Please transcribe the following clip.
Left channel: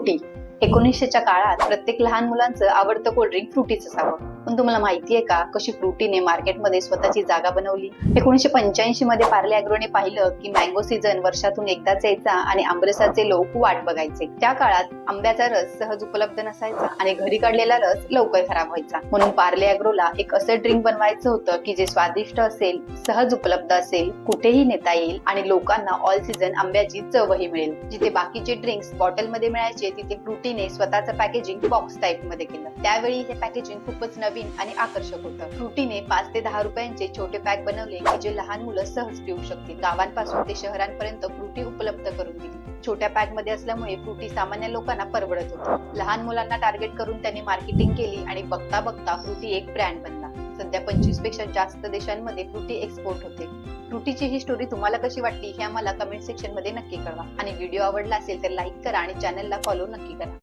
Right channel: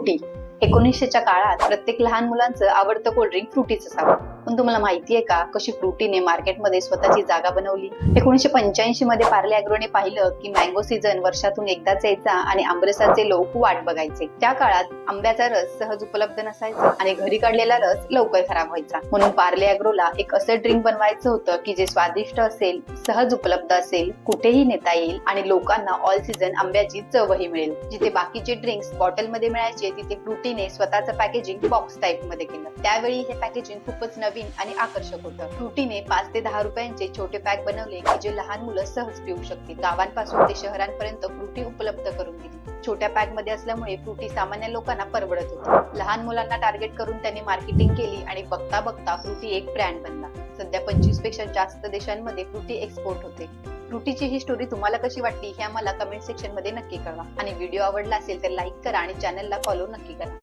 Frutti एकोणीसशेच्या काळात प्रत्येक लहान मुलांचं आवडतं कोल्ड्रिंक फ्रुटीच असावं पण तुम्हाला माहिती आहे का कशी फ्रुटीने मार्केटमध्ये स्वतःची जागा बनवली? एकोणीशे पंच्याऐंशी मध्ये पार्ले अॅग्रोने पाहिलं की मँगो सीझन वर्षातून एकदाच यायचा आणि आंबरसाचे लोक वाट बघायचे. त्या काळात आंब्याचा रस सहज उपलब्ध नसायचा आणि घरी काढलेला रस लवकर खराब व्हायचा. म्हणून पार्ले अॅग्रोला एक असं ड्रिंक बनवायचं होतं की जे स्वादिष्ट असेल सहज उपलब्ध असेल कुठेही नेता येईल आणि लोकांना ऑल सीझन आंब्याची चवही मिळेल. जिथे बाकीचे ड्रिंक्स बॉटलमध्ये मिळायचे तिथे फ्रुटीने स्वतःचं पॅकेजिंग बॉक्स टाईपमध्ये केलं. त्यावेळी हे पॅकेजिंग खूपच नवीन आणि आकर्षक होतं. फ्रुटीने पाच ते दहा रुपयांचे छोटे पॅक बनवले जे लहान मुलं सहज पिऊ शकतील. गावांपासून ते शहरांपर्यंत फ्रुटी उपलब्ध करून दिली. छोट्या पॅकमध्ये असल्यामुळे फ्रुटी सामान्य लोकांना परवडत होती. लहान मुलांना टार्गेट करून त्यांनी मार्केटिंग केली आणि बघता बघता फ्रुटी एक ब्रँड बनला. सध्या पंचवीसपेक्षा जास्त देशांमध्ये फ्रुटी एक्सपोर्ट होते. फ्रुटीची ही स्टोरी तुम्हाला कशी वाटली हे आम्हाला कमेंट सेक्शनमध्ये नक्की कळवा. आणि व्हिडिओ आवडला असेल तर लाईक करा आणि चॅनलला फॉलो नक्की करा.